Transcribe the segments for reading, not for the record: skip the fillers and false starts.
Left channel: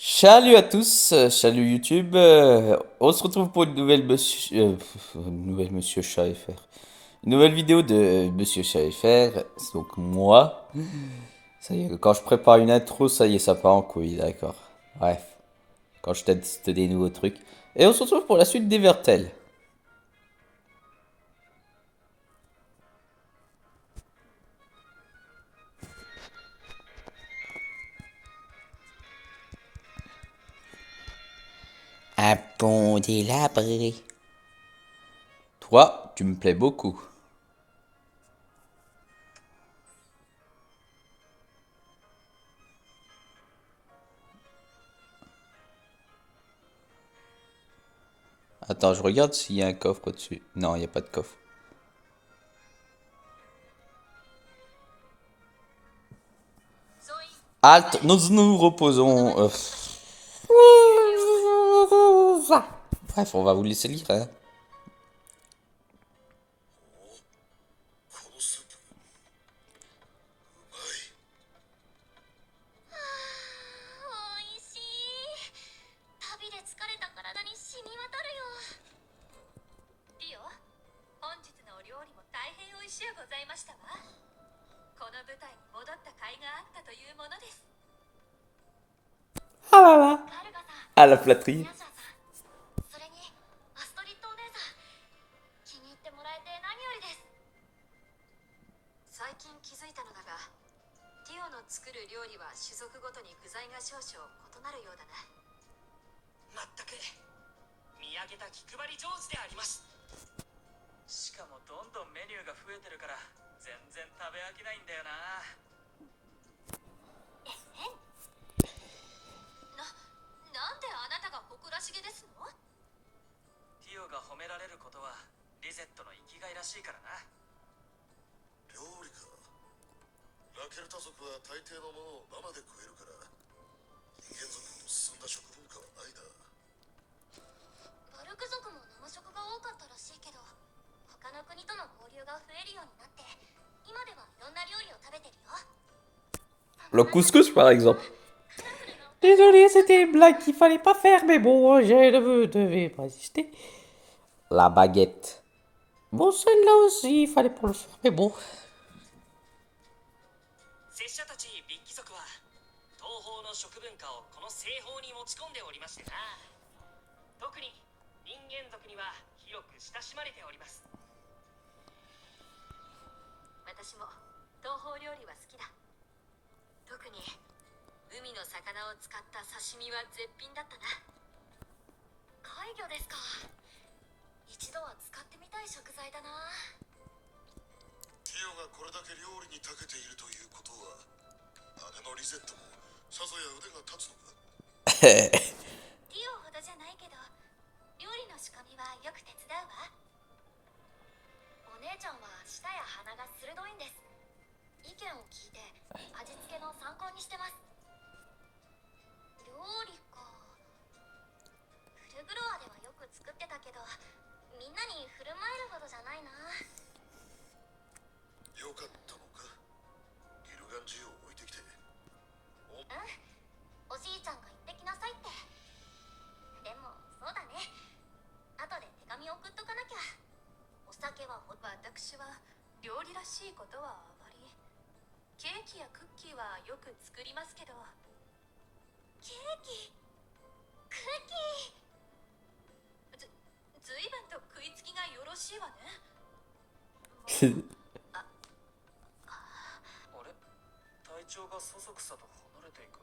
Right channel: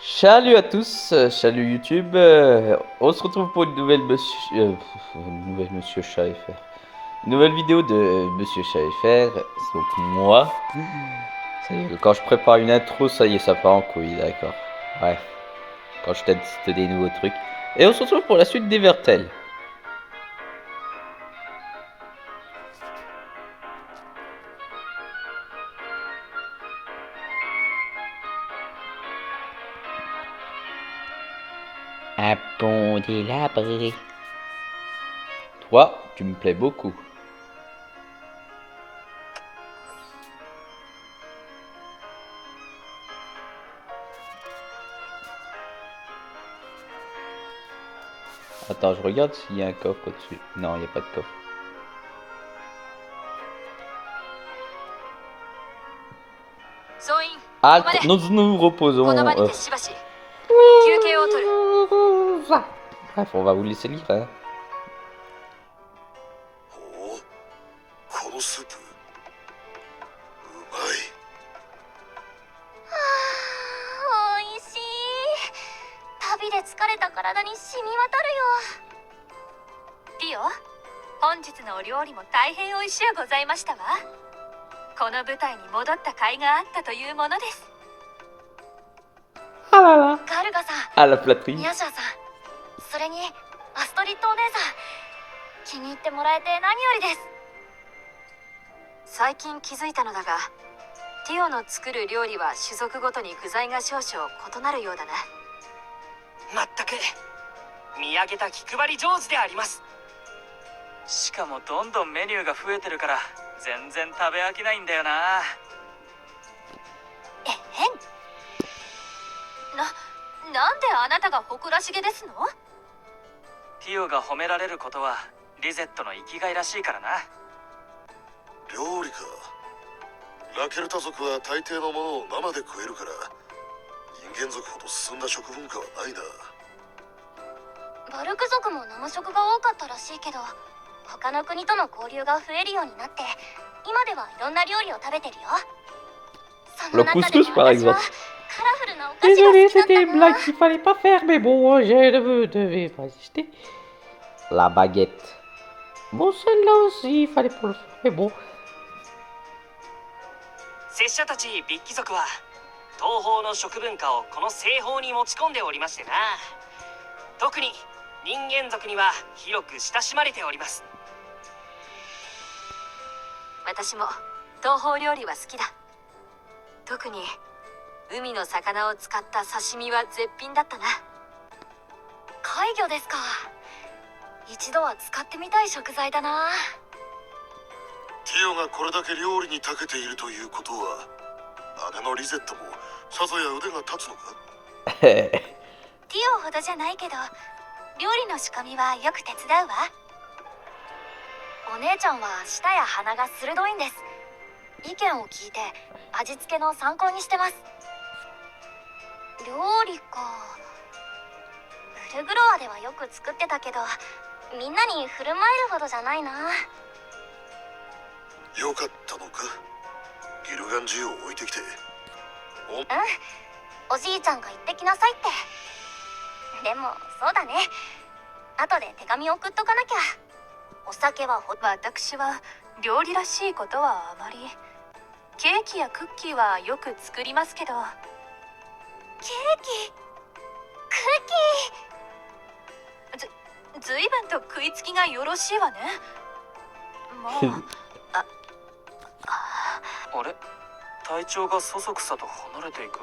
Salut à tous, salut YouTube. On se retrouve pour une nouvelle Monsieur Chat FR. Une nouvelle vidéo de Monsieur Chat FR. C'est donc moi. Ça y est, quand je prépare une intro, ça y est, ça part en couille, d'accord. Bref, quand je teste des nouveaux trucs. Et on se retrouve pour la suite d'Evertel. Un pont délabré. Toi, tu me plais beaucoup. Attends, je regarde s'il y a un coffre au-dessus. Non, il n'y a pas de coffre. Halte, nous nous reposons. Bref, on va vous laisser lire. Hein. このスープうまい。おいしい。旅で疲れた体に染み渡るよ。ディオ、本日のお料理も大変美味しゅうございましたわ。この舞台に戻った甲斐があったというものです。Ah là là. ガルガさん、 Ah la flatterie. ミヤシャさん、それにアストリッドお姉さん、気に入ってもらえて何よりです。最近気づいたのだが、ティオの作る料理は種族ごとに具材が少々異なるようだな。まったく見上げた気配り上手であります。しかもどんどんメニューが増えてるから全然食べ飽きないんだよな。えへん。なんであなたが誇らしげですの？ティオが褒められることはリゼットの生きがいらしいからな。料理か。ラケルタ族は大抵のものを生で食えるから人間族ほど進んだ食文化はないな。バルク族も生食が多かったらしいけど、他の国との交流が増えるようになって今ではいろんな料理を食べてるよ。 Le couscous par exemple. カラフルなお菓子が Désolé, 好きだった c'était une な。 blague qu'il fallait pas faire, mais bon, je ne devais pas hésiter. La baguette. Bon, celle-là aussi, il fallait pas le faire, mais bon. 拙者たちビッキ族は東方の食文化をこの西方に持ち込んでおりましてな。特に人間族には広く親しまれております。私も東方料理は好きだ。特に海の魚を使った刺身は絶品だったな。怪魚ですか。一度は使ってみたい食材だな。ティオがこれだけ料理に長けているということは姉のリゼットもさぞや腕が立つのか。ティオほどじゃないけど料理の仕込みはよく手伝うわ。お姉ちゃんは舌や鼻が鋭いんです。意見を聞いて味付けの参考にしてます。料理か。フルグロアではよく作ってたけどみんなに振る舞えるほどじゃないな。よかったのか。ギルガンジを置いてきて。うん、おじいちゃんが言ってきなさいって。でもそうだね、後で手紙送っとかなきゃ。お酒は私は料理らしいことはあまり。ケーキやクッキーはよく作りますけど。ケーキ、クッキー。ずいぶんと食いつきがよろしいわね。もうあれ、体調がそそくさと離れていく。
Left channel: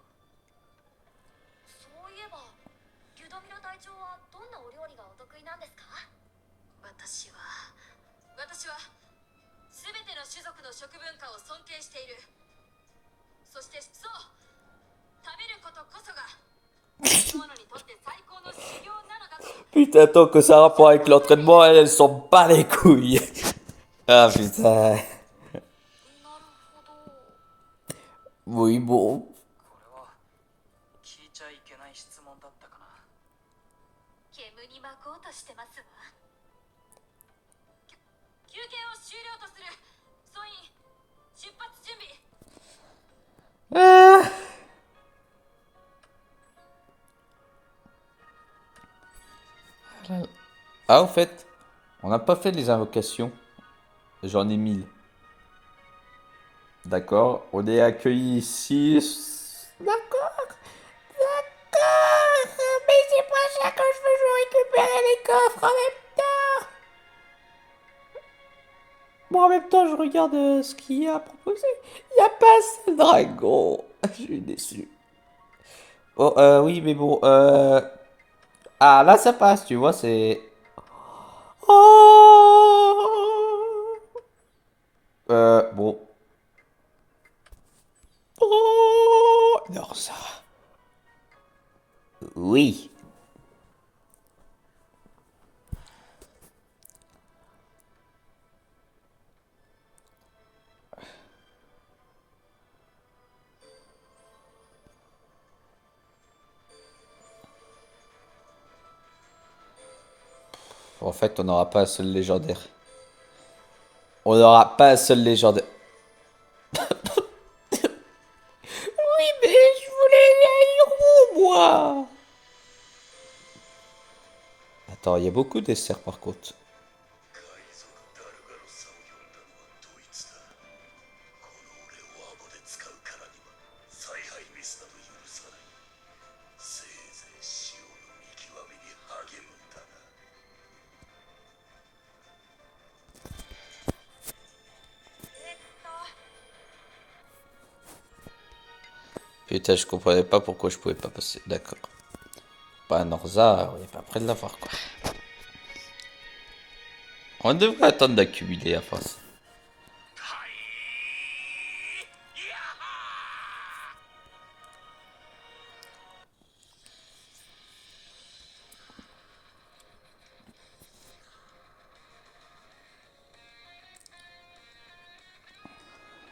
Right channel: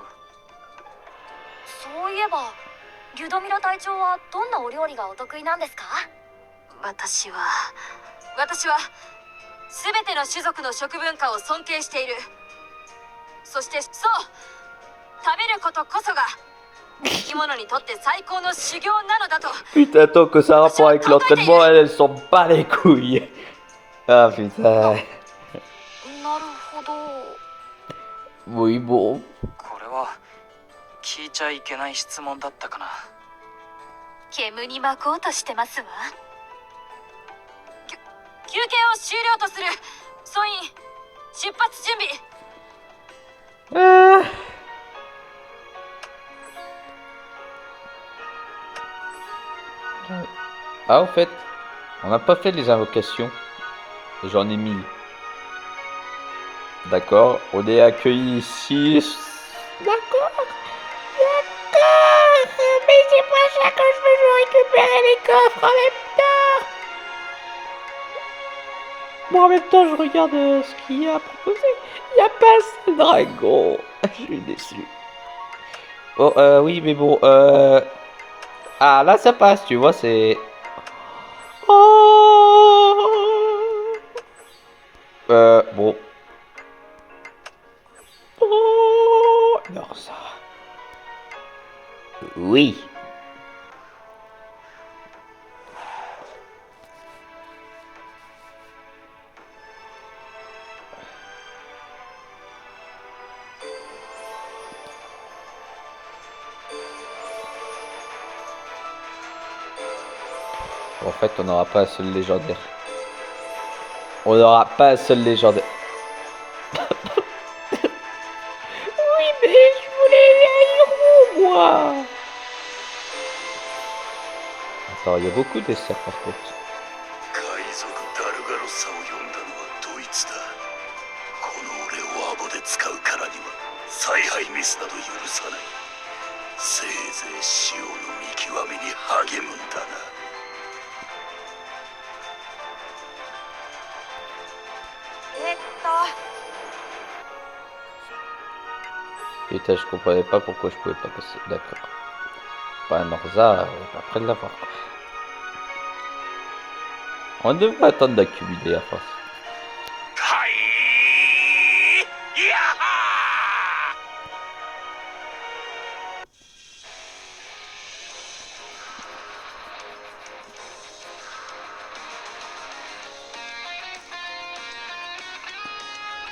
そういえばリュドミラ隊長はどんなお料理がお得意なんですか？私は全ての種族の食文化を尊敬している。そしてそう、食べることこそが生き物にとって最高の修行なのだと。 Putain, tant que ça a rapport avec l'entraînement, elle s'en bat les couilles. Ah putain. なるほど。 Oui, bon. これは聞いちゃいけない質問だったかな。煙に巻こうとしてますわ。休憩を終了とする。総員出発準備。Ah, au fait, on n'a pas fait les invocations. J'en ai mis. D'accord, on est accueillis ici. D'accord, d'accord. Mais c'est pas ça que je veux, je récupérer les coffres en même temps. Bon, en même temps, je regarde ce qu'il y a proposé. Il n'y a pas assez de dragon. Je suis déçu. Oh, oui, mais bon, ah, là, ça passe, tu vois, c'est... Oh. Bon. Oh. Non, ça... Oui. En fait, on n'aura pas un seul légendaire. On n'aura pas un seul légendaire. Oui, mais je voulais les héros, moi. Attends, il y a beaucoup de desserts par contre. 海賊ダルガロサを呼んだのはドイツだ。この俺をアボで使うからには采配ミスなど許さない。せいぜい潮の見極めに励むんだな。Putain, je comprenais pas pourquoi je pouvais pas passer. D'accord. Pas un Norza, on est pas près de l'avoir quoi. On devrait attendre d'accumuler à force. はいやは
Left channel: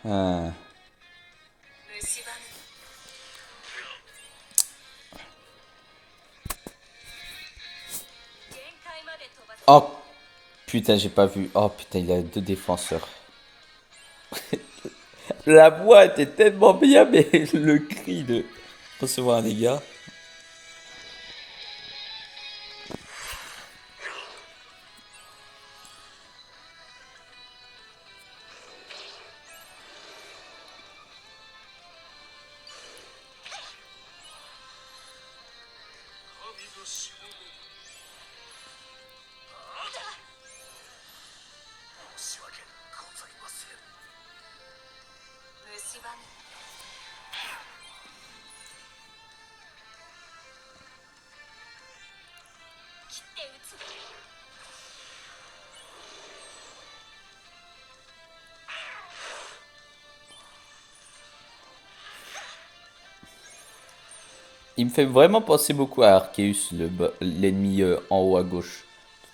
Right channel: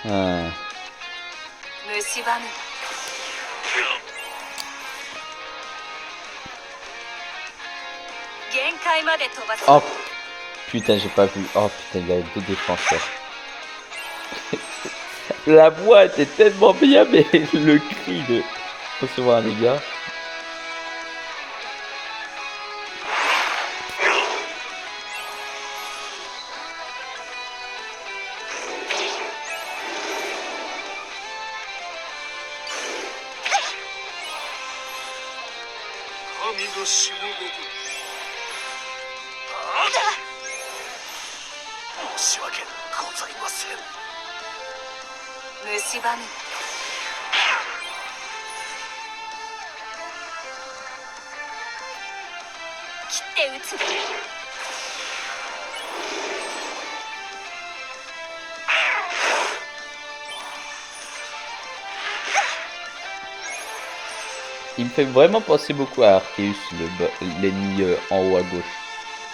Ah. 蝕む 限界まで飛ばす Oh putain, j'ai pas vu. Oh putain, il y a deux défenseurs. La voix était tellement bien, mais le cri de recevoir un dégât. Il me fait vraiment penser beaucoup à Arceus, l'ennemi en haut à gauche.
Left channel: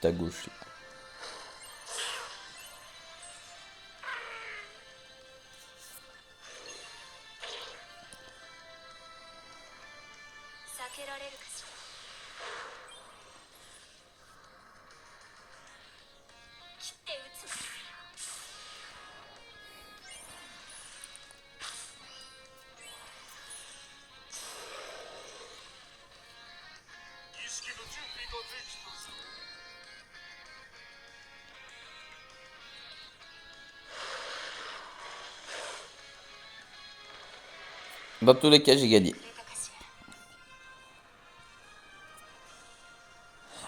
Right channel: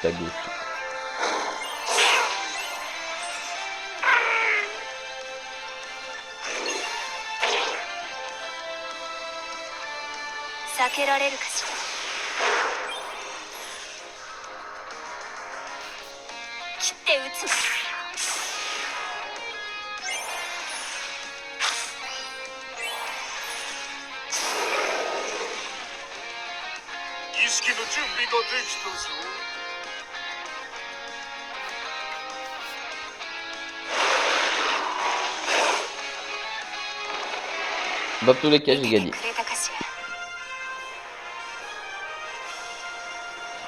Tout à gauche. 避けられるかしら切って撃つわ 儀式の準備ができたぞ。 Dans tous les cas, j'ai gagné. くれたかしら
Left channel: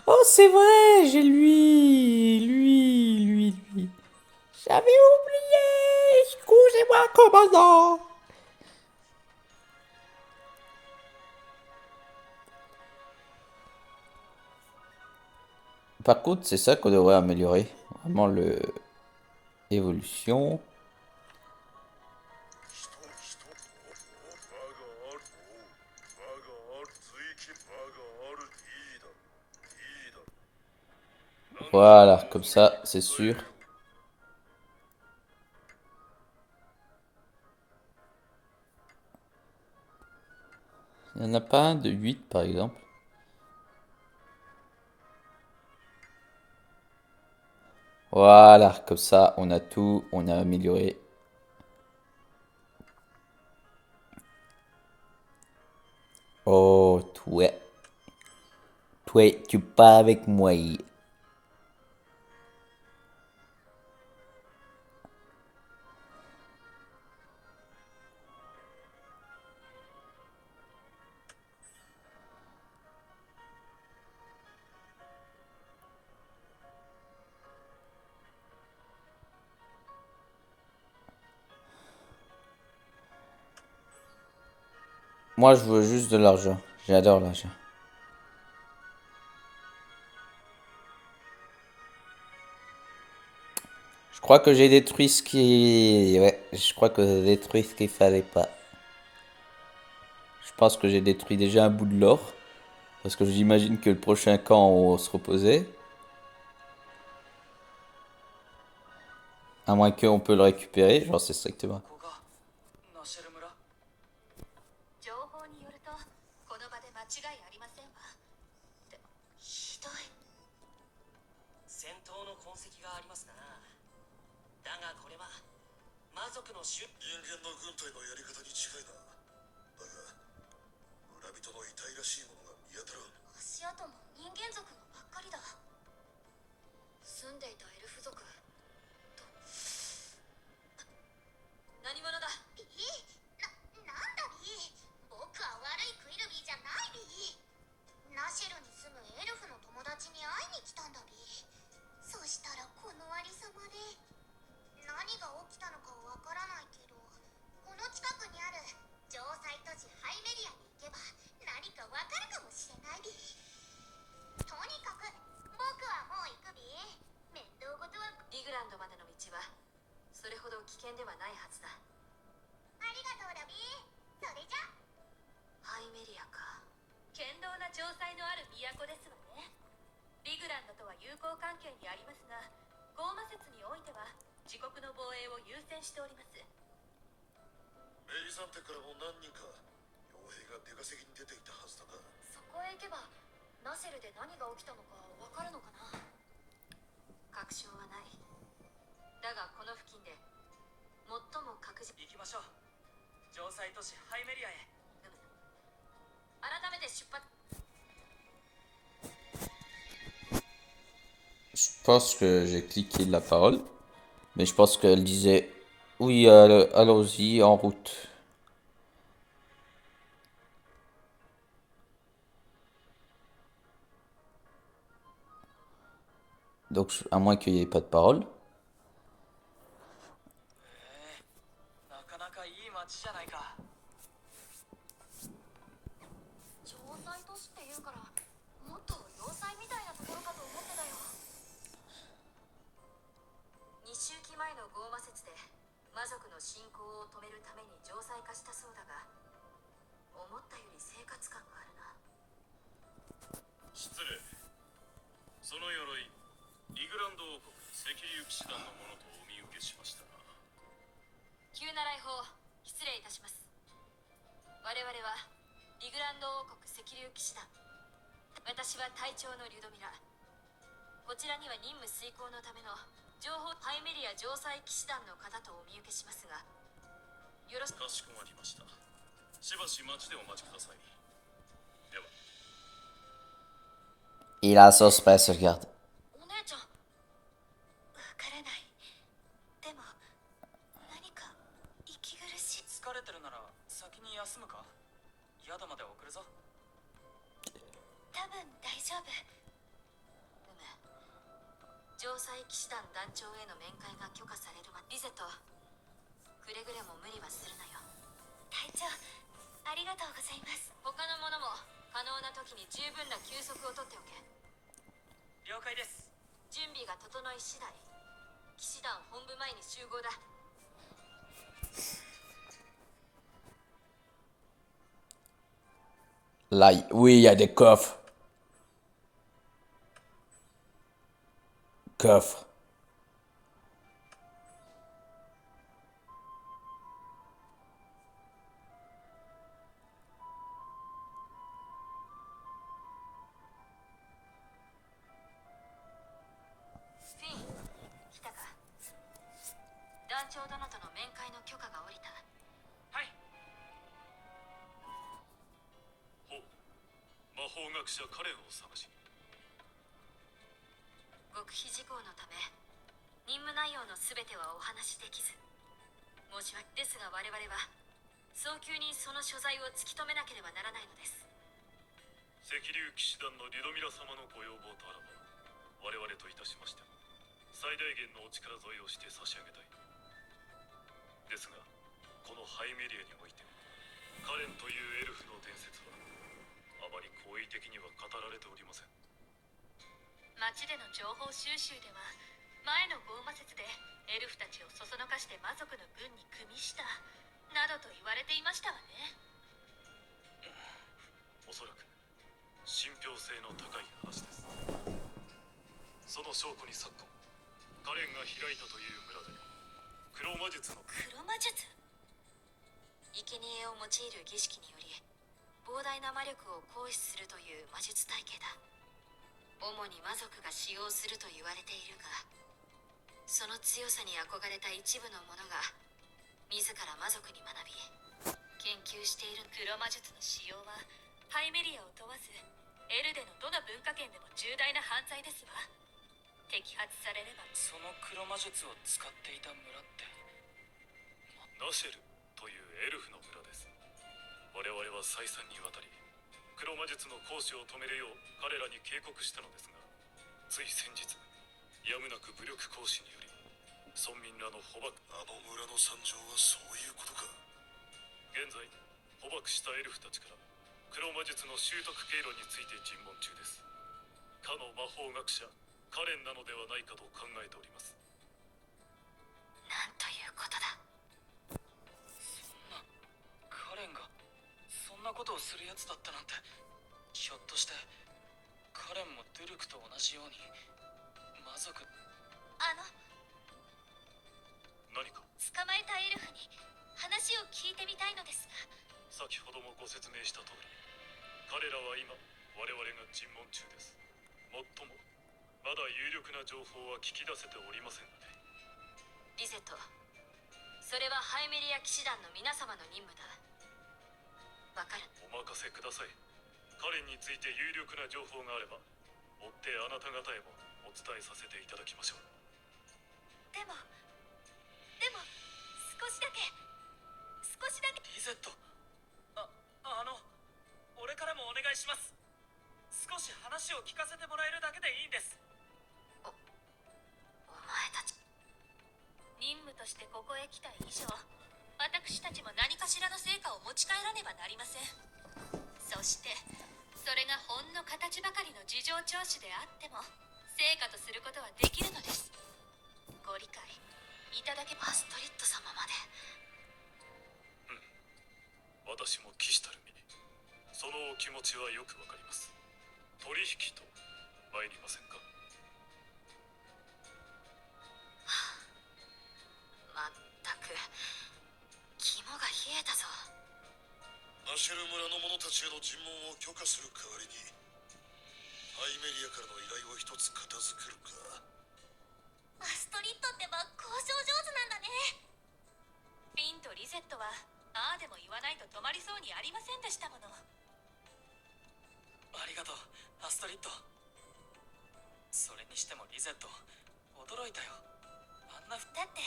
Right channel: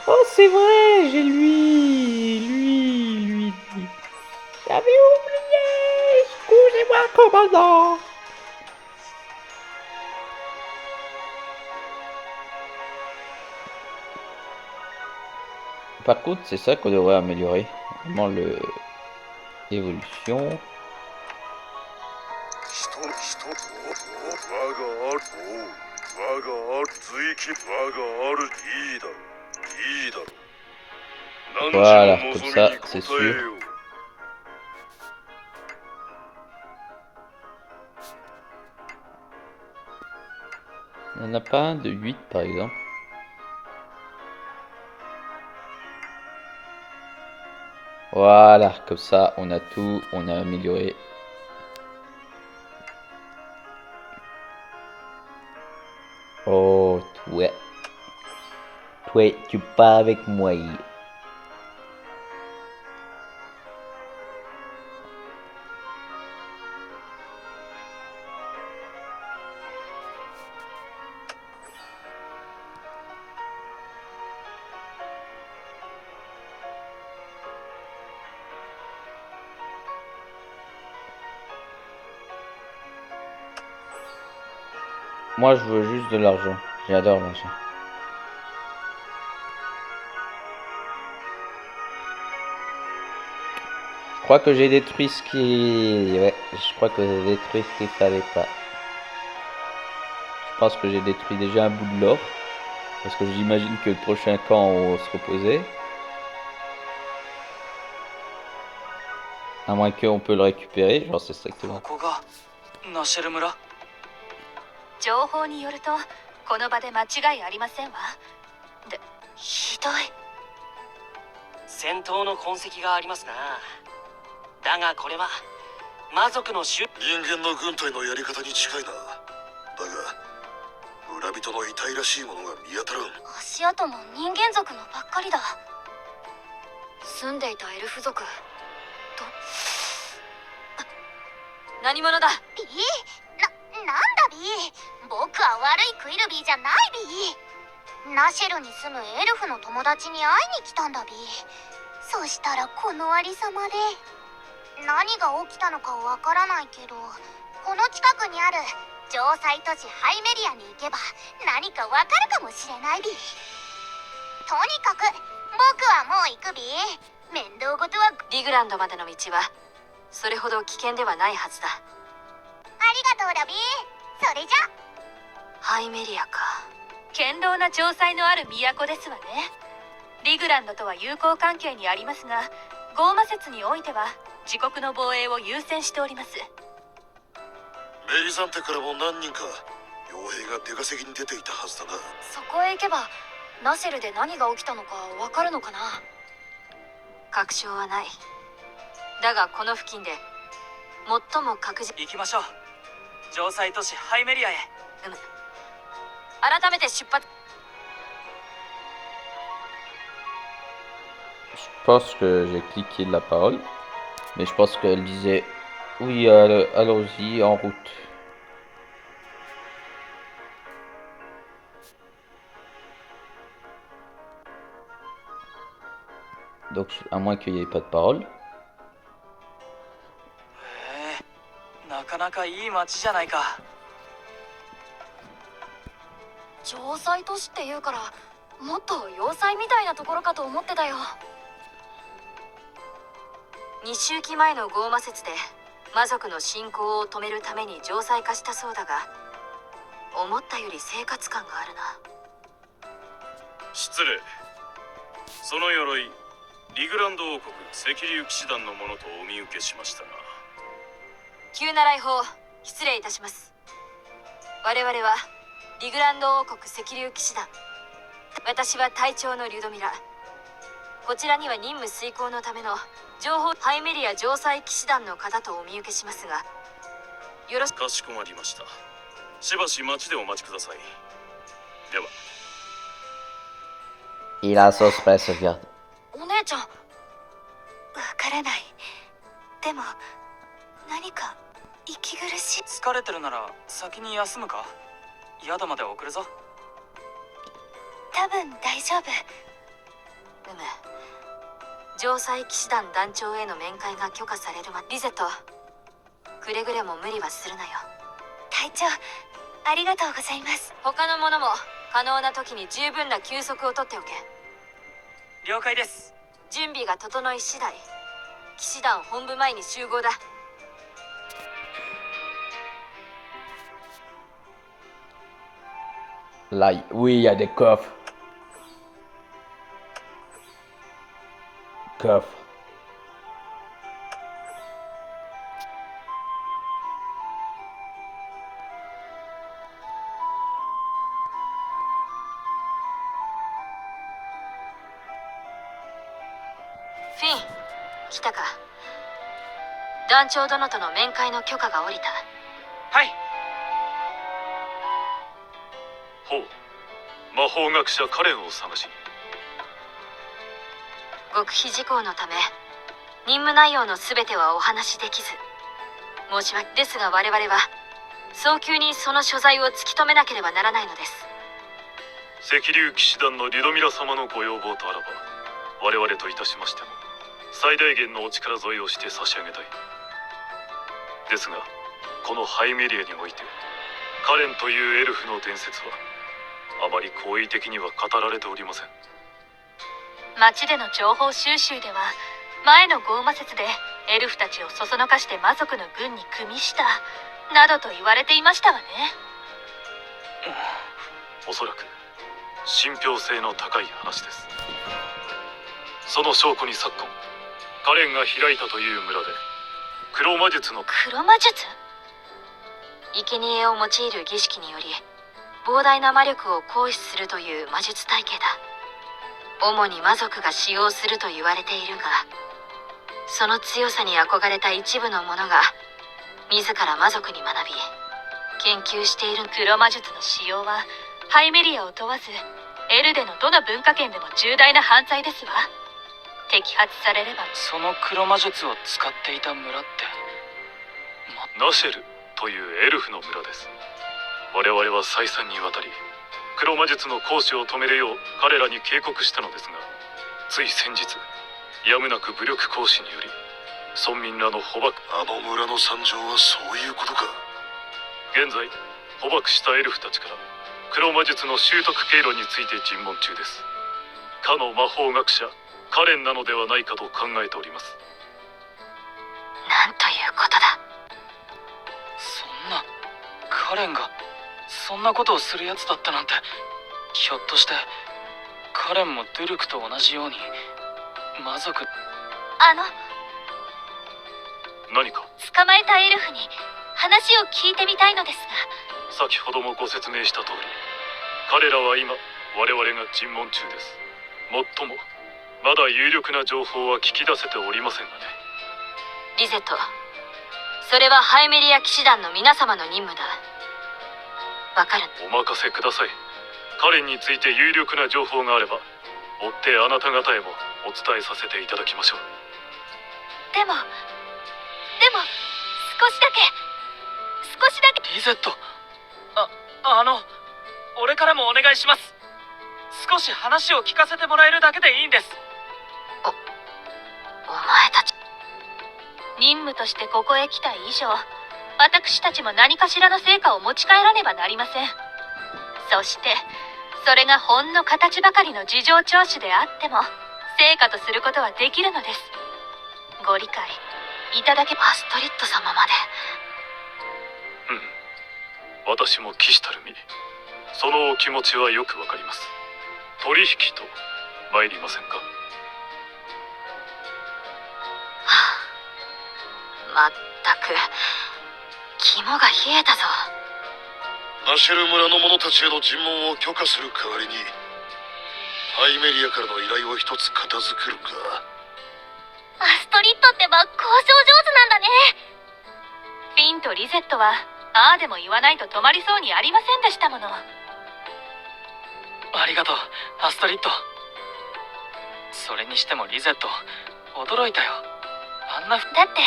Oh, c'est vrai, j'ai lui. J'avais oublié. Excusez-moi, commandant. Par contre, c'est ça qu'on devrait améliorer. Vraiment le évolution. 我があるいいだろいいだろ Voilà, comme ça, c'est sûr. Il n'y en a pas un de 8 par exemple. Voilà, comme ça, on a tout, on a amélioré. Oh, ouais. Toi, tu pars avec moi. Moi, je veux juste de l'argent. J'adore l'argent. Je crois que j'ai détruit ce qui... Ouais, je crois que j'ai détruit ce qu'il fallait pas. Je pense que j'ai détruit déjà un bout de l'or. Parce que j'imagine que le prochain camp, on va se reposer. À moins qu'on peut le récupérer, j'en sais strictement. ここがナシェル村。情報によるとこの場で間違いありませんわ。で、ひどい。戦闘の痕跡がありますな。だがこれは魔族の種。人間の軍隊のやり方に近いな。だが村人の遺体らしいものが見当たらん。足跡も人間族のばっかりだ。住んでいたエルフ族と何者だ。ビー、なんだビー。僕は悪いクイルビーじゃないビー。ナシェルに住むエルフの友達に会いに来たんだビー。そしたらこのありさまで。何が起きたのかわからないけど、この近くにある城塞都市ハイメリアに行けば何かわかるかもしれないビー。とにかく僕はもう行くビー。面倒事は。リグランドまでの道はそれほど危険ではないはずだ。ありがとうだビー。それじゃ。ハイメリアか。堅牢な城塞のある都ですわね。リグランドとは友好関係にありますが、ゴーマ説においては自国の防衛を優先しております。メリザンテからも何人か傭兵が出稼ぎに出ていたはずだな。そこへ行けばナシェルで何が起きたのかわかるのかな。確証はない。だがこの付近で最も確実。行きましょう。城塞都市ハイメリアへ。改めて出発。Je pense que j'ai cliqué la parole. Mais je pense qu'elle disait oui, allons-y en route. Donc, à moins qu'il n'y ait pas de parole. なかなかいい街じゃないか。城塞都市っていうからもっと要塞みたいなところかと思ってたよ。2周期前のゴーマ説で魔族の侵攻を止めるために城塞化したそうだが、思ったより生活感があるな。失礼。その鎧、リグランド王国赤竜騎士団のものとお見受けしましたが。急な来訪失礼いたします。我々はリグランド王国赤竜騎士団。私は隊長のリュドミラ。こちらには任務遂行のための情報ハイメリア城塞騎士団の方とお見受けしますが、よろしく。かしこまりました。しばし町でお待ちください。では。Il a un suspense, regarde. お姉ちゃん。わからない。でも何か息苦しい。疲れてるなら先に休むか。宿まで送るぞ。多分大丈夫。城塞騎士団団長への面会が許可されるリゼとくれぐれも無理はするなよ。隊長ありがとうございます。他の者も可能な時に十分な休息をとっておけ。了解です。準備が整い次第騎士団本部前に集合だ。Là, oui, il y a des coffres. Coffre. Finn、来たか。団長殿との面会の許可が下りた。はい。ほう。魔法学者カレンを探しに。極秘事項のため任務内容の全てはお話しできず申し訳ですが、我々は早急にその所在を突き止めなければならないのです。赤竜騎士団のリュドミラ様のご要望とあらば、我々といたしましても最大限のお力添えをして差し上げたい。ですがこのハイメリアにおいてカレンというエルフの伝説はあまり好意的には語られておりません。町での情報収集では前のゴーマ説でエルフたちをそそのかして魔族の軍に組みしたなどと言われていましたわね。おそらく信憑性の高い話です。その証拠に昨今カレンが開いたという村で黒魔術の黒魔術？生贄を用いる儀式により膨大な魔力を行使するという魔術体系だ。主に魔族が使用すると言われているが、その強さに憧れた一部の者が自ら魔族に学び研究している。黒魔術の使用はハイメリアを問わずエルデのどの文化圏でも重大な犯罪ですわ。摘発されれば。その黒魔術を使っていた村って、ナシェルというエルフの村です。我々は再三にわたり黒魔術の行使を止めるよう彼らに警告したのですが、つい先日やむなく武力行使により村民らの捕獲。あの村の惨状はそういうことか。現在捕獲したエルフたちから黒魔術の習得経路について尋問中です。かの魔法学者カレンなのではないかと考えております。なんということだ。そんな、カレンがそんなことをするやつだったなんて。ひょっとしてカレンもドゥルクと同じように魔族。何か？捕まえたエルフに話を聞いてみたいのですが。先ほどもご説明した通り、彼らは今我々が尋問中です。もっともまだ有力な情報は聞き出せておりませんがね。リゼット、それはハイメリア騎士団の皆様の任務だ。わかる？お任せください。カレンについて有力な情報があれば追ってあなた方へもお伝えさせていただきましょう。でも少しだけ。リゼット、俺からもお願いします。少し話を聞かせてもらえるだけでいいんです。お前たち、任務としてここへ来た以上、私たちも何かしらの成果を持ち帰らねばなりません。そしてそれがほんの形ばかりの事情聴取であっても成果とすることはできるのです。ご理解いただけ。アストリッド様まで。私も騎士たる身、そのお気持ちはよくわかります。取引と参りませんか？まったく肝が冷えたぞ。ナシェル村の者たちへの尋問を許可する代わりにハイメリアからの依頼を一つ片付けるか。アストリッドってば交渉上手なんだね。フィンとリゼットはああでも言わないと止まりそうにありませんでしたもの。ありがとうアストリッド。それにしてもリゼット驚いたよ。あんな。だって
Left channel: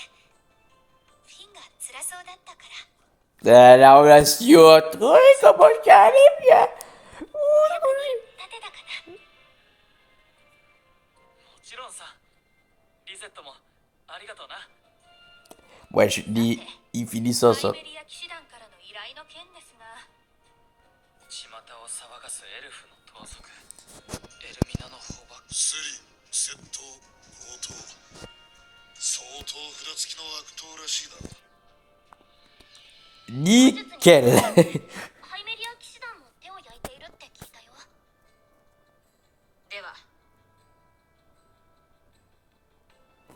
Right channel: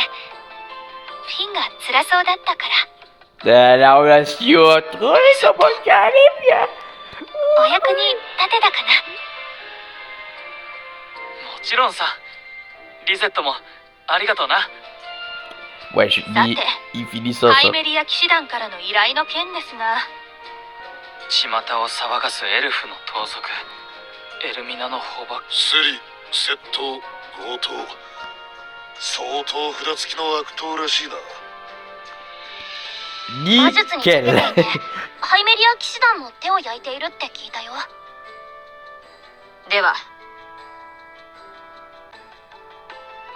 フィンが辛そうだったから。Ahora sí otro, somos Caribia. お役に立てたかな。もちろんさ。リゼットもありがとうな。Ouais, il finit ça, ハイ ça. メリア騎士団からの依頼の件ですが。巷を騒がすエルフの盗賊、エルミナの捕獲。スリ、窃盗、強盗、相当札付きの悪党らしいな。魔術に Nickel. ハイメリア騎士団も手を焼いているって聞いたよ。では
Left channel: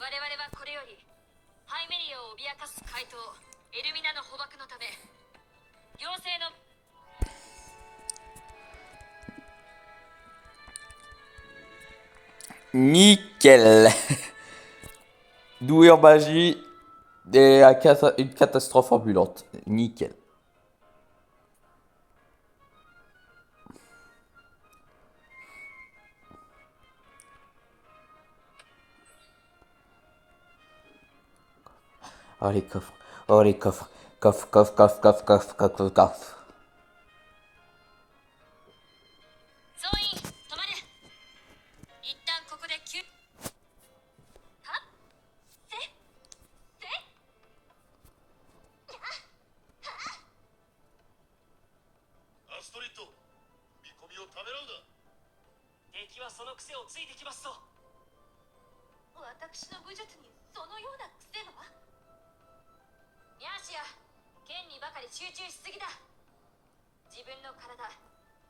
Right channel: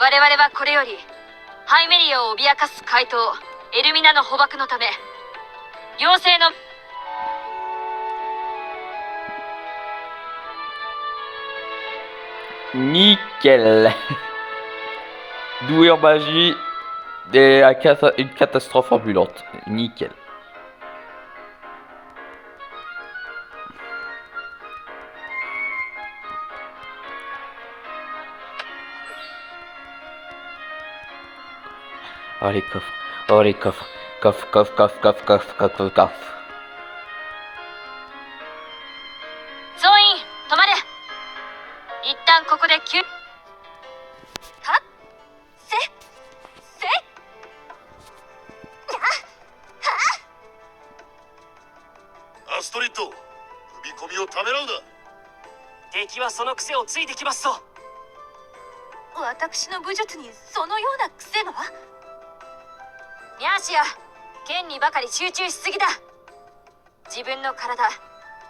我々はこれよりハイメリアを脅かす怪盗エルミナの捕獲のため妖精のNickel. Doué en magie et une catastrophe ambulante. Nickel. Oh les coffres. Oh les coffres. Coffre, coffre, coffre, coffre, coffre, coffre, coffre. 総員止まれ。一旦ここで休。はせアストリッド、踏み込みをためらうな。敵はその癖をついてきますぞ。私の武術にそのような癖が。ミャーシア、剣にばかり集中しすぎだ。自分の体、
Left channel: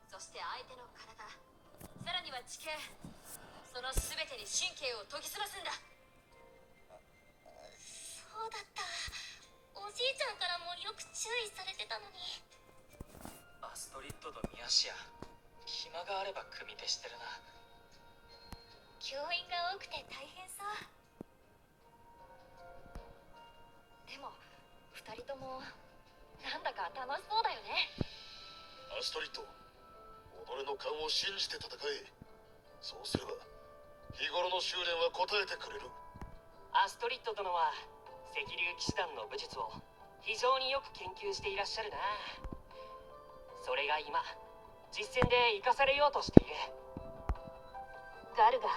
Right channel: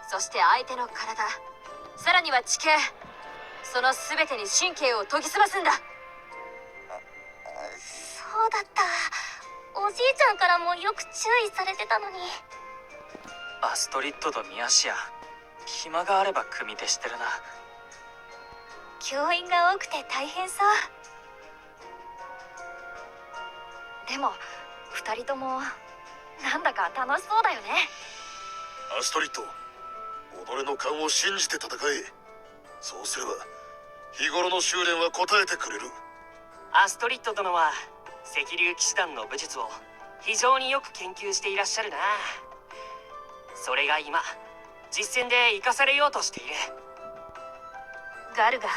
そして相手の体、さらには地形、その全てに神経を研ぎ澄ますんだ。そうだった。おじいちゃんからもよく注意されてたのに。アストリッドとミアシア、暇があれば組手してるな。教員が多くて大変そう。でも2人ともなんだか楽しそうだよね。アストリッド、己の勘を信じて戦え。そうすれば日頃の修練は応えてくれる。アストリッド殿は赤竜騎士団の武術を非常によく研究していらっしゃるな。それが今実戦で生かされようとしている。ガルガ、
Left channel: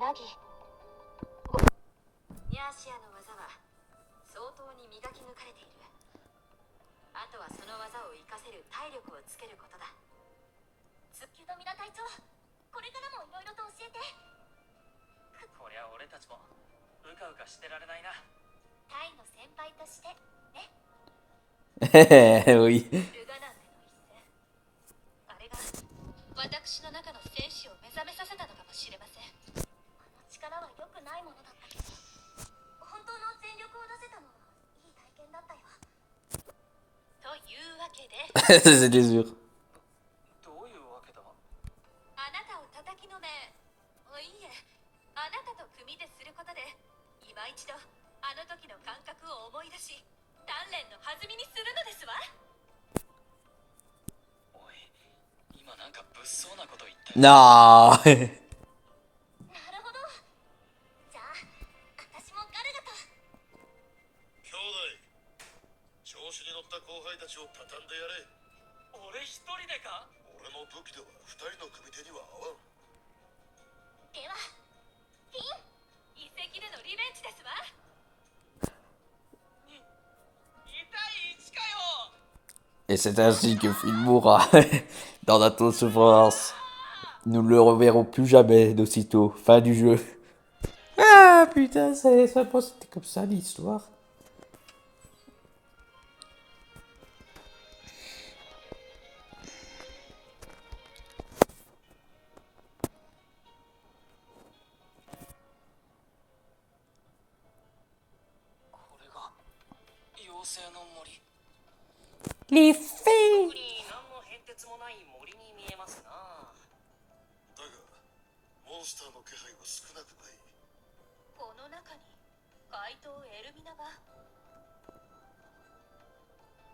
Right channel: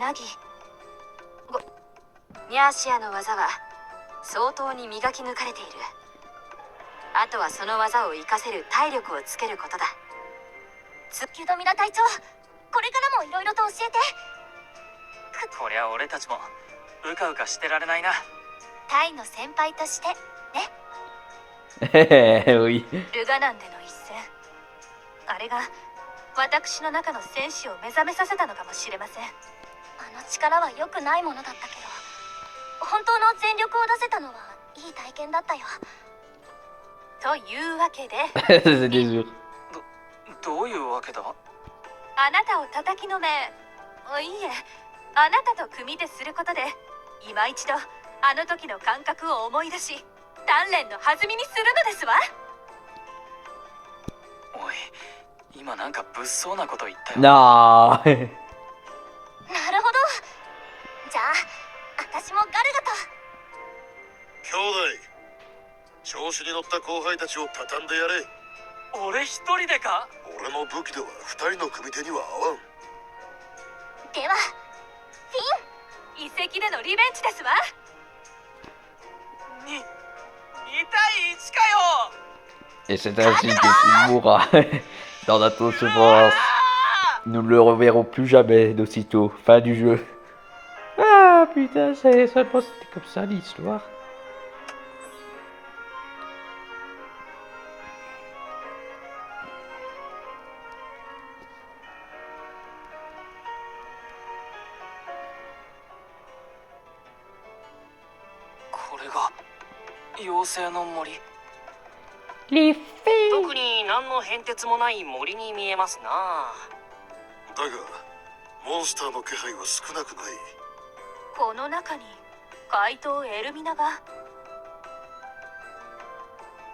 ナギ、ミャーシアの技は相当に磨き抜かれている。あとはその技を活かせる体力をつけることだ。ユドミラ隊長、これからもいろいろと教えて。こりゃ俺たちもうかうかしてられないな。タイの先輩としてね。Oui. ルガナンでの一戦、あれが私の中の戦士を目覚めさせたのかもしれません。あの力は良くないものだったけど、本当の全力を出せたのはいい体験だったよ。というわけでC'est des urs. どういうわけだ。あなたを叩きのめ、いいえ、あなたと組手することで今一度あの時の感覚を思い出し、鍛錬の弾みにするのですわ。おい、今なんか物騒なこと言ったよ。Non. なるほど。じゃあ私もガルガと。兄弟、調子に乗った後輩たちを畳んでやれ。俺一人でか。俺の武器では2人の組手には合わん。ではフィン、遺跡でのリベンジですわ。2対1かよ。 Et c'est ainsi que Phil mourra dans la totale souffrance. Nous ne le reverrons plus jamais d'aussitôt. Fin du jeu. Ah putain, c'était comme ça l'histoire. これが妖精の森。 Les fées. 特に何の変哲もない森に見えますな。だがモンスターの気配は少なくない。この中に怪盗エルミナが。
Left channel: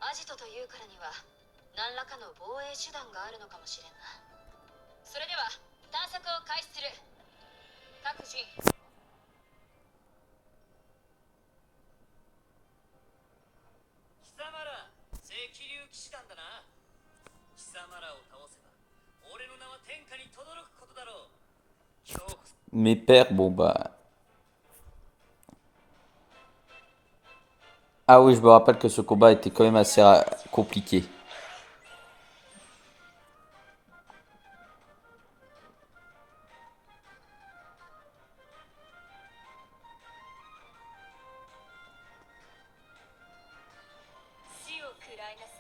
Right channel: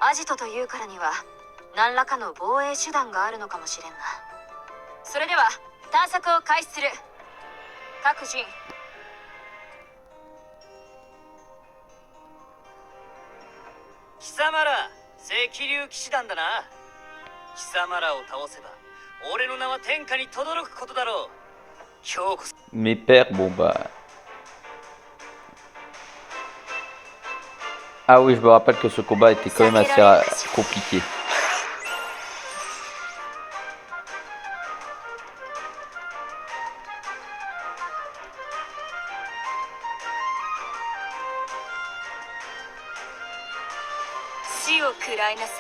アジトというからには何らかの防衛手段があるのかもしれんな。それでは探索を開始する。各人貴様ら赤竜騎士団だな。貴様らを倒せば俺の名は天下に轟くことだろう。今日こそ Mes pères, bon bah. Ah oui, je me rappelle que ce combat était quand même assez compliqué. 死を食らいなさい。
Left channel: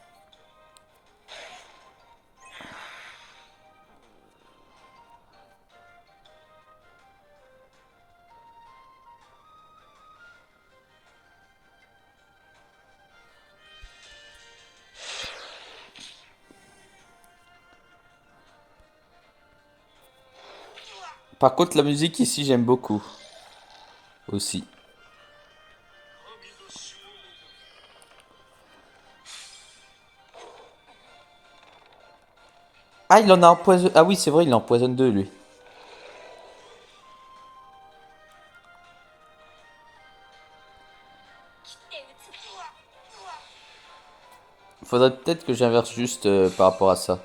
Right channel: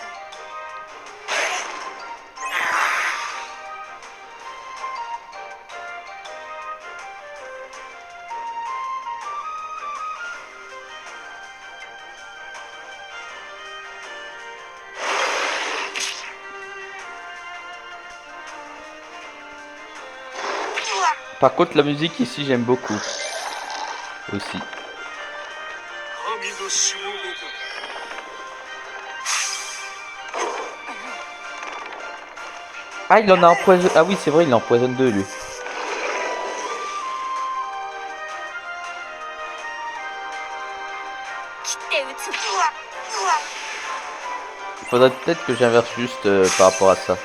Par contre, la musique ici, j'aime beaucoup. Aussi. 神のしもべだ。 Ah, il en a empoisonné. Ah oui, c'est vrai, il en empoisonne deux, lui. faudrait peut-être que j'inverse juste par rapport à ça.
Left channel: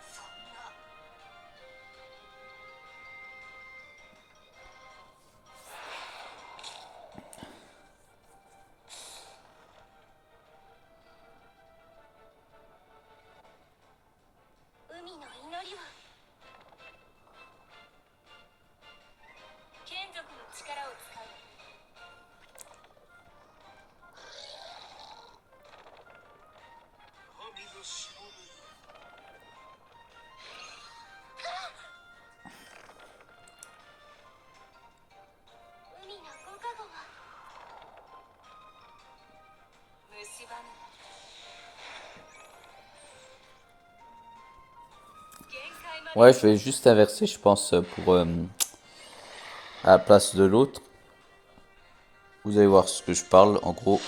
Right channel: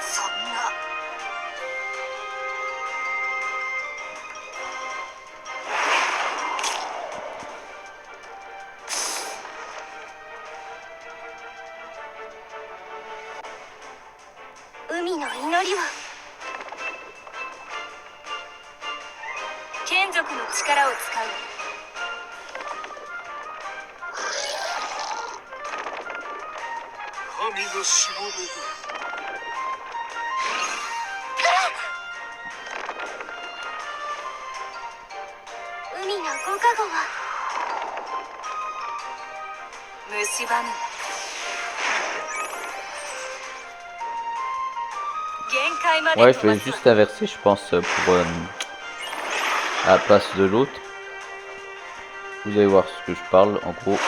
そんな。海の祈りは眷属の力を使う。神のしもべだ。海のご加護は蝕む。限界まで。 Ouais, je vais juste inverser, je pense, pour à la place de l'autre. Vous allez voir ce que je parle, en gros.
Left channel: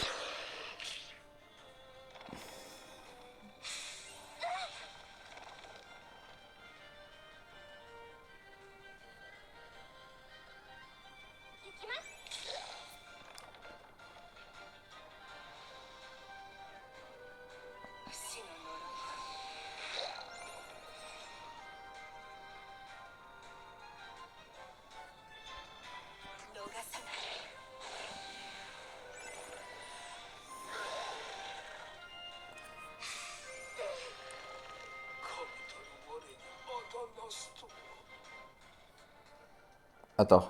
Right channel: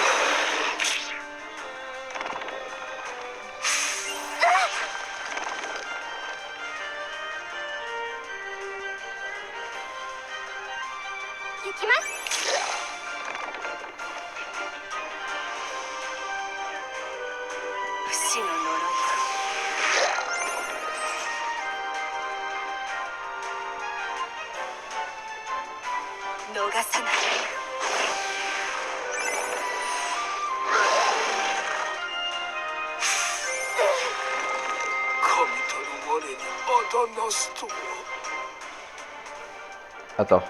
Attends.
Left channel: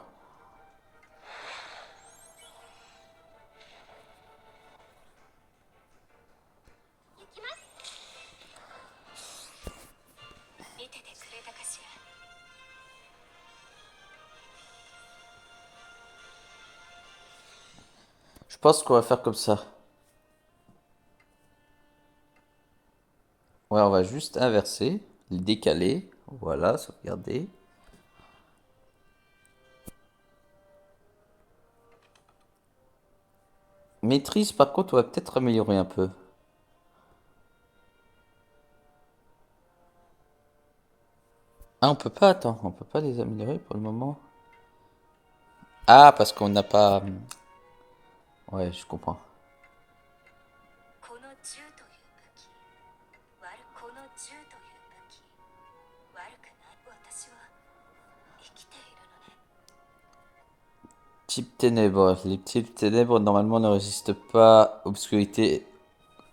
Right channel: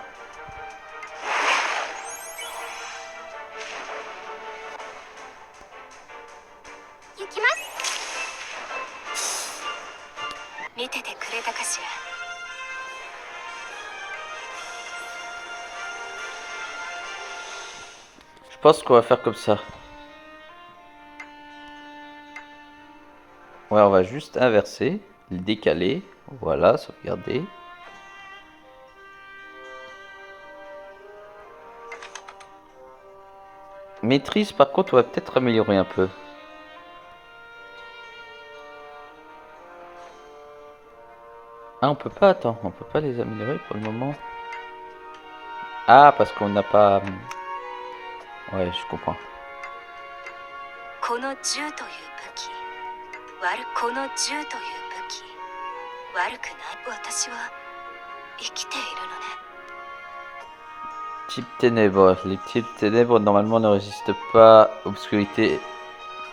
Je pense qu'on va faire comme ça. Ouais, on va juste inverser, le décaler. Voilà, sauvegarder. Maîtrise, par contre, on va peut-être améliorer un peu. Ah, on peut pas, attends, on peut pas les améliorer pour le moment. Ah, parce qu'on n'a pas... Ouais, je comprends. この銃という武器、この銃という武器、悪くない。私は生きているのね。 Type ténèbres. Les types ténèbres normalement ne résistent pas. Obscurité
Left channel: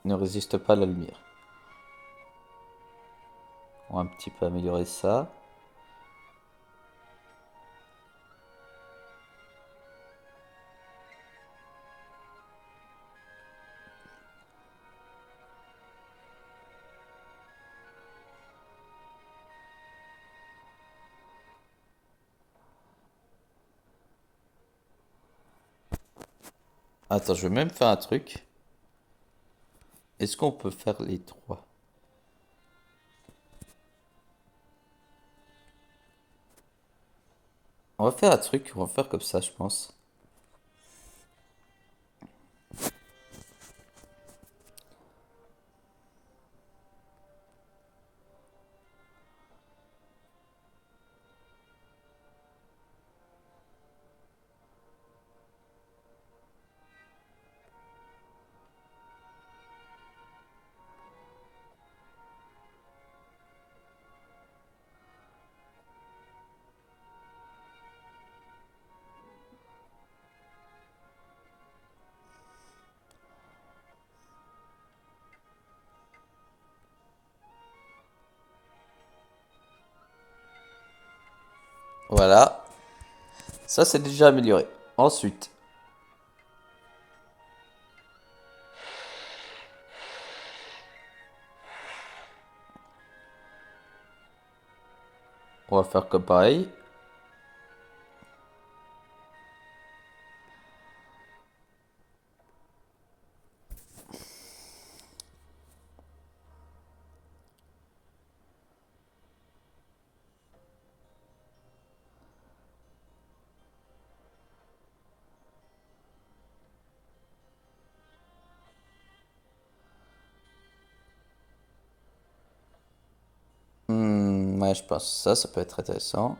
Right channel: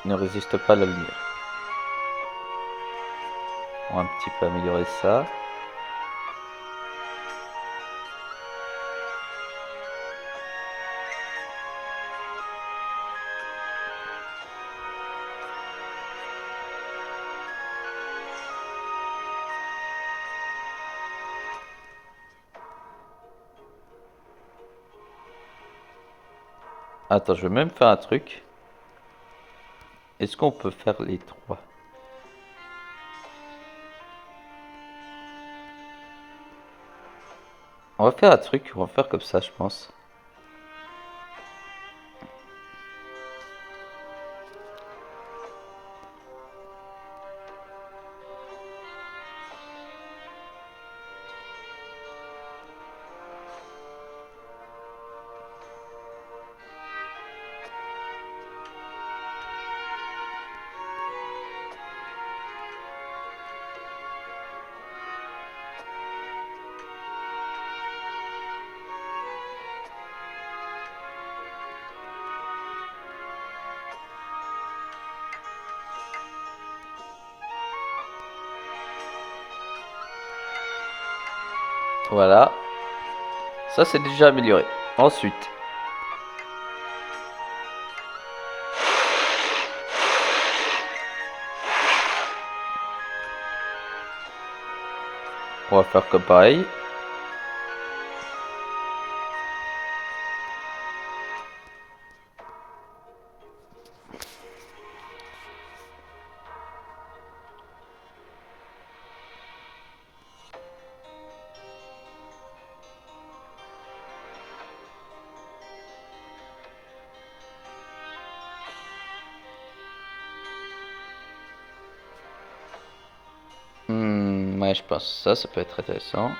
ne résiste pas à la lumière. On va un petit peu améliorer ça. Attends, je vais même faire un truc. Est-ce qu'on peut faire les trois? On va faire un truc, on va faire comme ça, je pense. Voilà. Ça, c'est déjà amélioré. Ensuite. On va faire comme pareil. Ouais, je pense que ça peut être intéressant.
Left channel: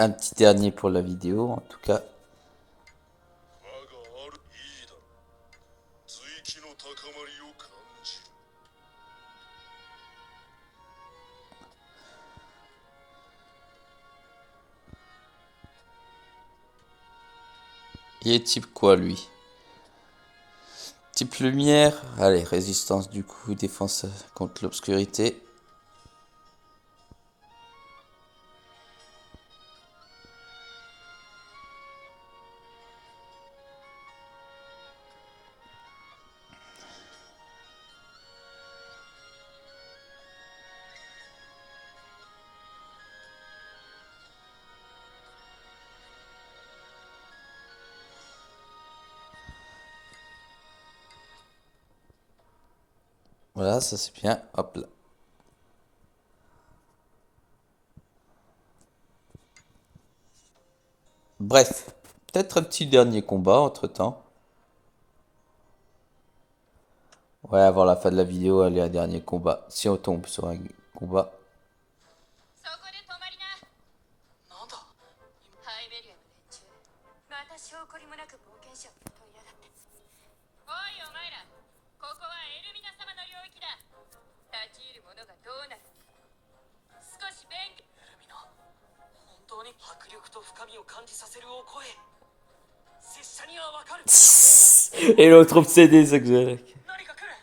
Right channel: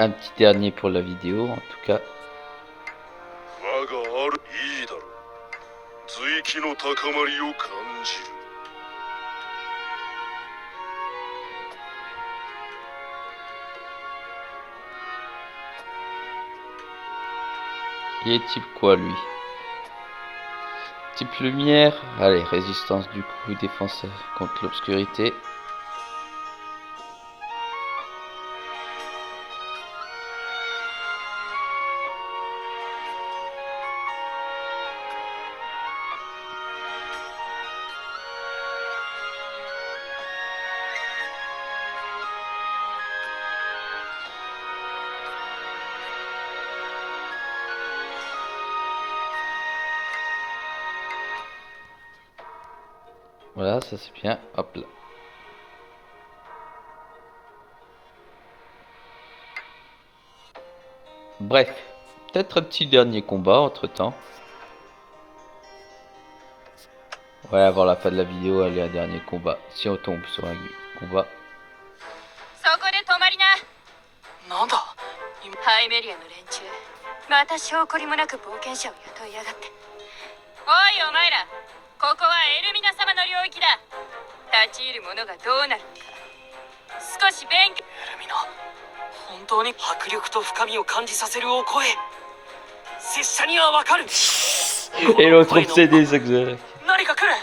Un petit dernier pour la vidéo, en tout cas. 我があるいいだろう随気の高まりを感じる Il est type quoi, lui? Type lumière. Allez, résistance du coup, défense contre l'obscurité. Voilà, ça c'est bien. Hop là. Bref, peut-être un petit dernier combat entre-temps. Ouais, avant la fin de la vidéo, allez, un dernier combat. Si on tombe sur un combat. そこで止まりな。なんだハイメリアの連中、また証拠りもなく冒険者を雇いやがって。おいお前ら、ここはエルミナ様の領域だ。立ち入る者がどうなるのか、少し勉強。エルミナ、本当に迫力と深みを感じさせるお声。拙者にはわかる。 Et l'autre obsédé, ça que 何か来る。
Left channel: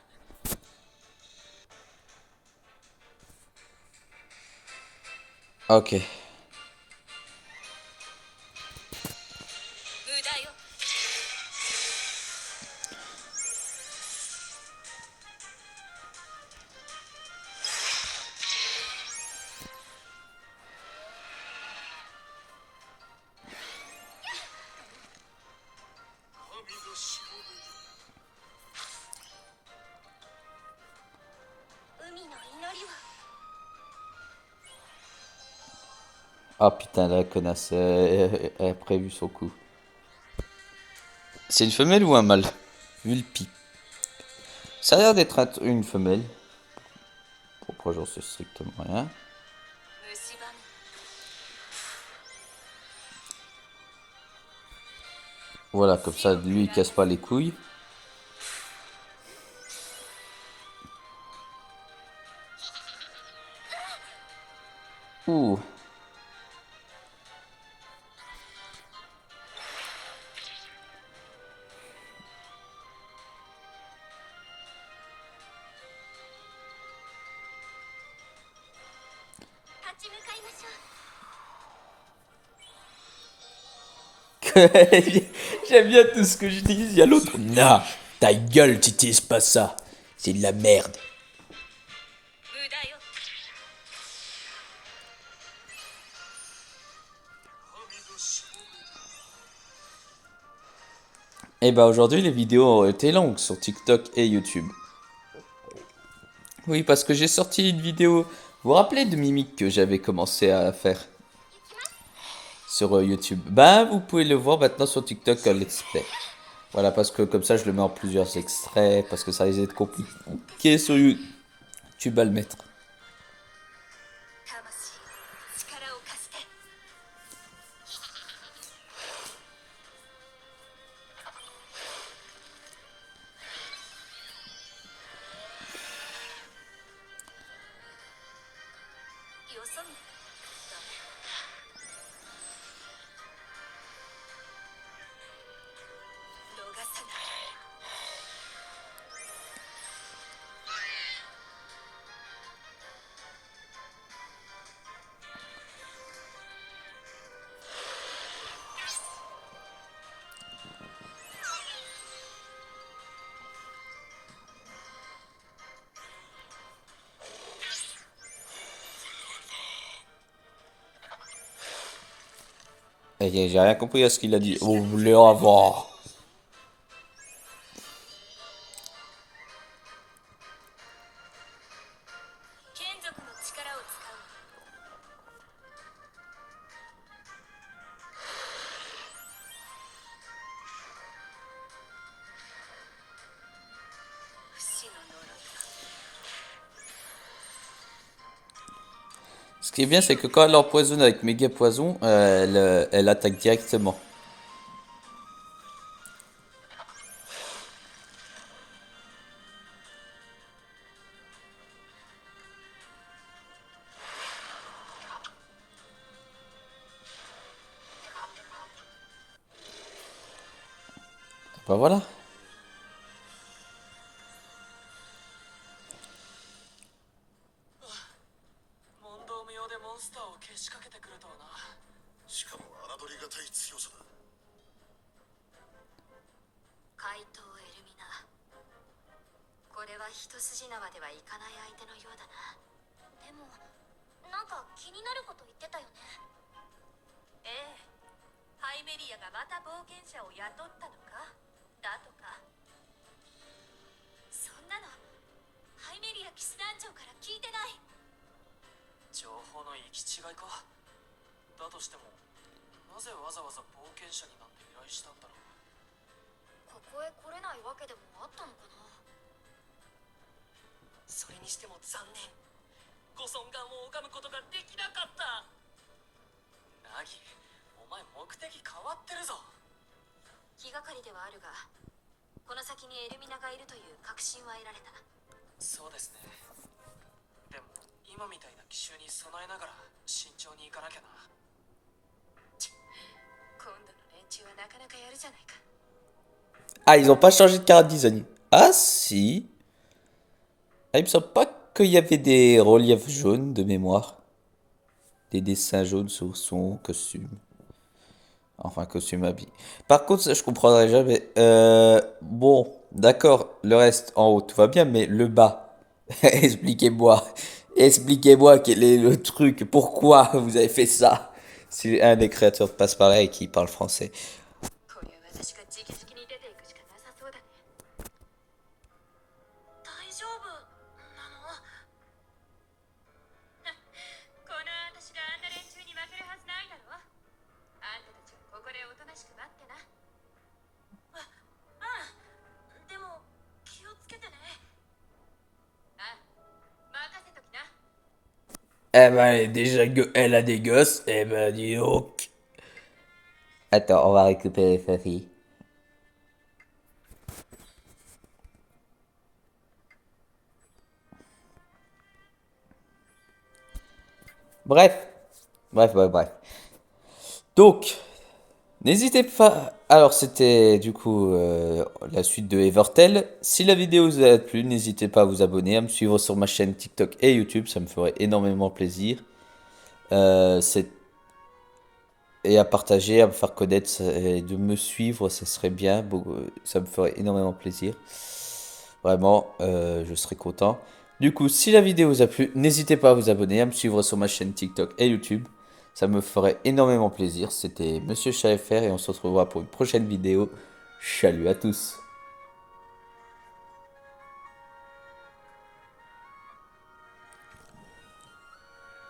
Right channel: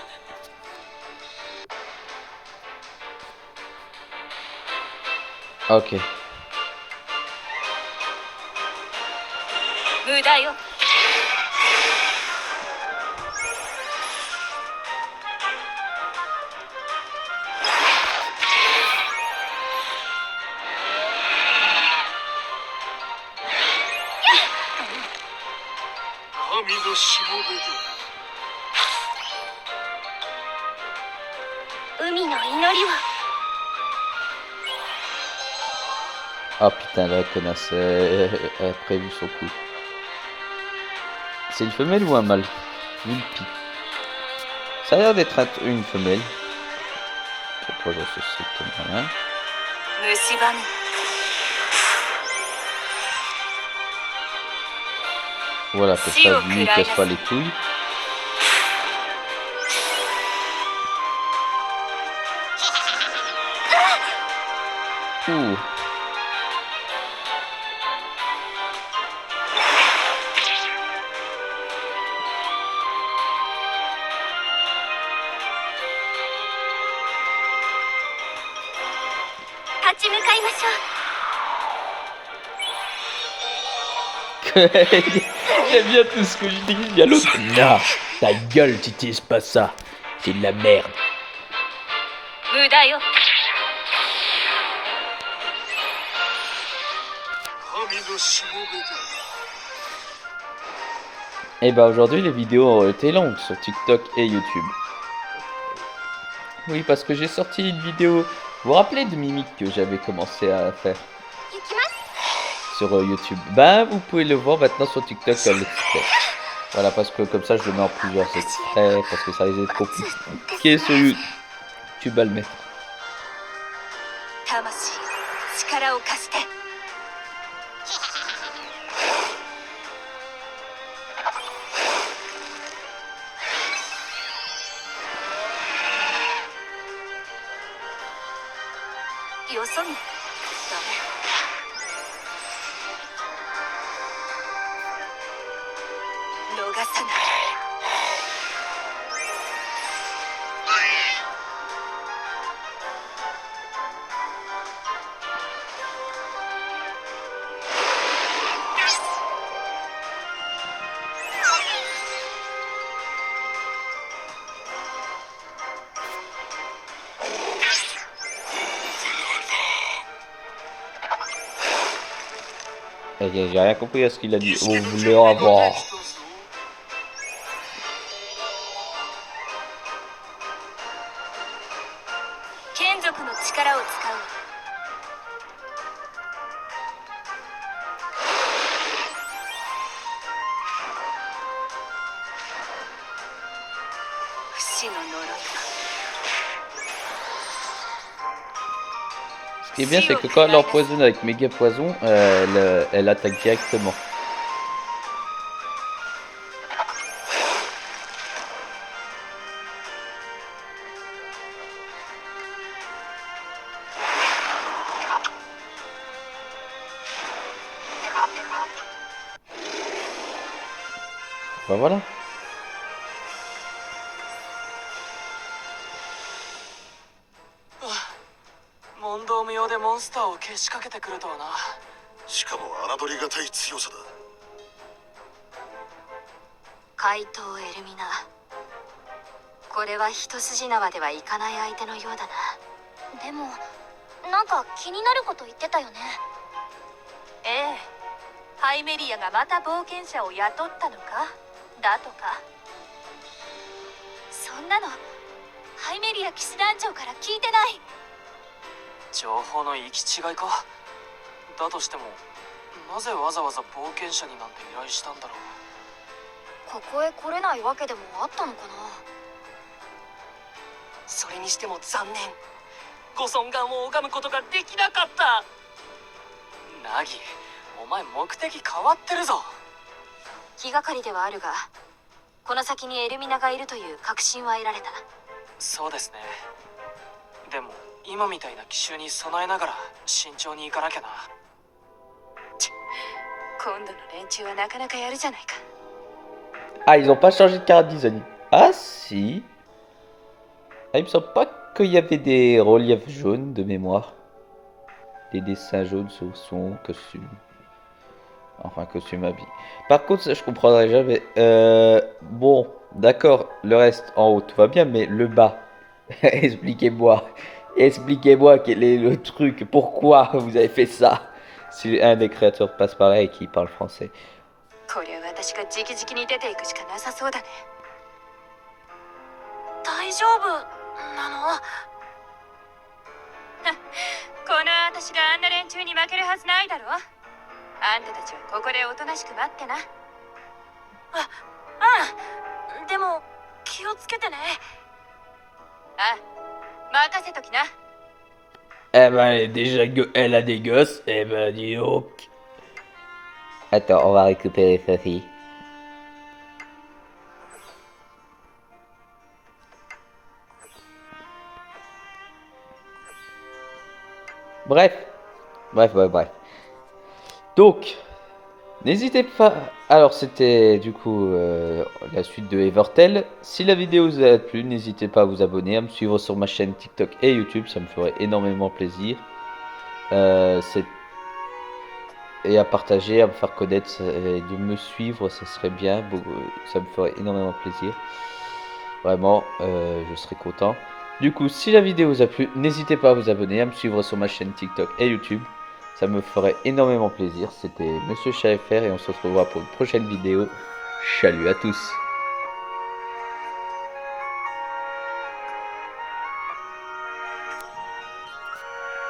Ok. 無駄よ。神のしもべだ 海の祈りを。 Ah putain, la connasse, elle a prévu son coup. C'est une femelle ou un mâle? Vulpi. Ça a l'air d'être une femelle. Pourquoi j'en sais strictement rien? 蝕む。 Voilà, comme ça, lui, il casse pas les couilles. Ouh. J'aime bien tout ce que je dis. Il y a l'autre. Non, ta gueule, tu utilises pas ça. C'est de la merde. 無駄よ。 神のしもべだ Et bah aujourd'hui les vidéos ont été longues sur TikTok et YouTube. Oui, parce que j'ai sorti une vidéo. Vous vous rappelez de Mimic que j'avais commencé à faire sur YouTube? Bah vous pouvez le voir maintenant sur TikTok à l'extrait. Voilà, parce que comme ça je le mets en plusieurs extraits, parce que ça risque d'être compliqué sur YouTube à le mettre. 魂、力を貸して。 よそ見。ダメ。逃さない。 J'ai rien compris à ce qu'il a dit. Vous voulez avoir. 眷属の力を使う。 不死の呪い。 Ce Ce qui est bien, c'est que quand elle empoisonne avec méga poison, elle attaque directement. Bah voilà. 問答無用でモンスターをけしかけてくるとはな。しかも侮りがたい強さだ。怪盗エルミナ、これは一筋縄ではいかない相手のようだな。でもなんか気になること言ってたよね。ええ、ハイメリアがまた冒険者を雇ったのかだとか。そんなのハイメリア騎士団長から聞いてない。情報の行き違いか。だとしてもなぜわざわざ冒険者になんて依頼したんだろう。ここへ来れないわけでもあったのかな。それにしても残念。ご尊顔を拝むことができなかった。ナギ、お前目的変わってるぞ。気がかりではあるが、この先にエルミナがいるという確信は得られた。そうですね。でも今みたいな奇襲に備えながら慎重に行かなきゃな。今度の連中はなかなかやるじゃないか。Ah, ils ont pas changé de carte design. Ah si. Ah, il me semble pas qu'il y avait des reliefs jaunes de mémoire. Des dessins jaunes sur son costume. Enfin, costume habit. Par contre, ça, je comprendrai jamais. Bon, d'accord, le reste en haut, tout va bien, mais le bas. Expliquez-moi. Expliquez-moi quel est le truc. Pourquoi vous avez fait ça? Si un des créateurs passe par là et qui parle français. これは私が直々に出ていくしかなさそうだね。大丈夫なの？この私があんな連中に負けるはずないだろ。あんたたちはここでおとなしく待ってな。でも気をつけてね。任せときな。Eh ben, elle a des gosses. Eh ben, dis donc. Attends, on va récupérer sa fille. Bref. Donc, n'hésitez pas. Alors, c'était du coup la suite de Evertale. Si la vidéo vous a plu, n'hésitez pas à vous abonner, à me suivre sur ma chaîne TikTok et YouTube. Ça me ferait énormément plaisir. Et à partager, à me faire connaître, et de me suivre, ça serait bien. Ça me ferait énormément plaisir. Vraiment, je serais content. Du coup, si la vidéo vous a plu, n'hésitez pas à vous abonner, à me suivre sur ma chaîne TikTok et YouTube. Ça me ferait énormément plaisir. C'était Monsieur Chat FR et on se retrouvera pour une prochaine vidéo. Salut à tous!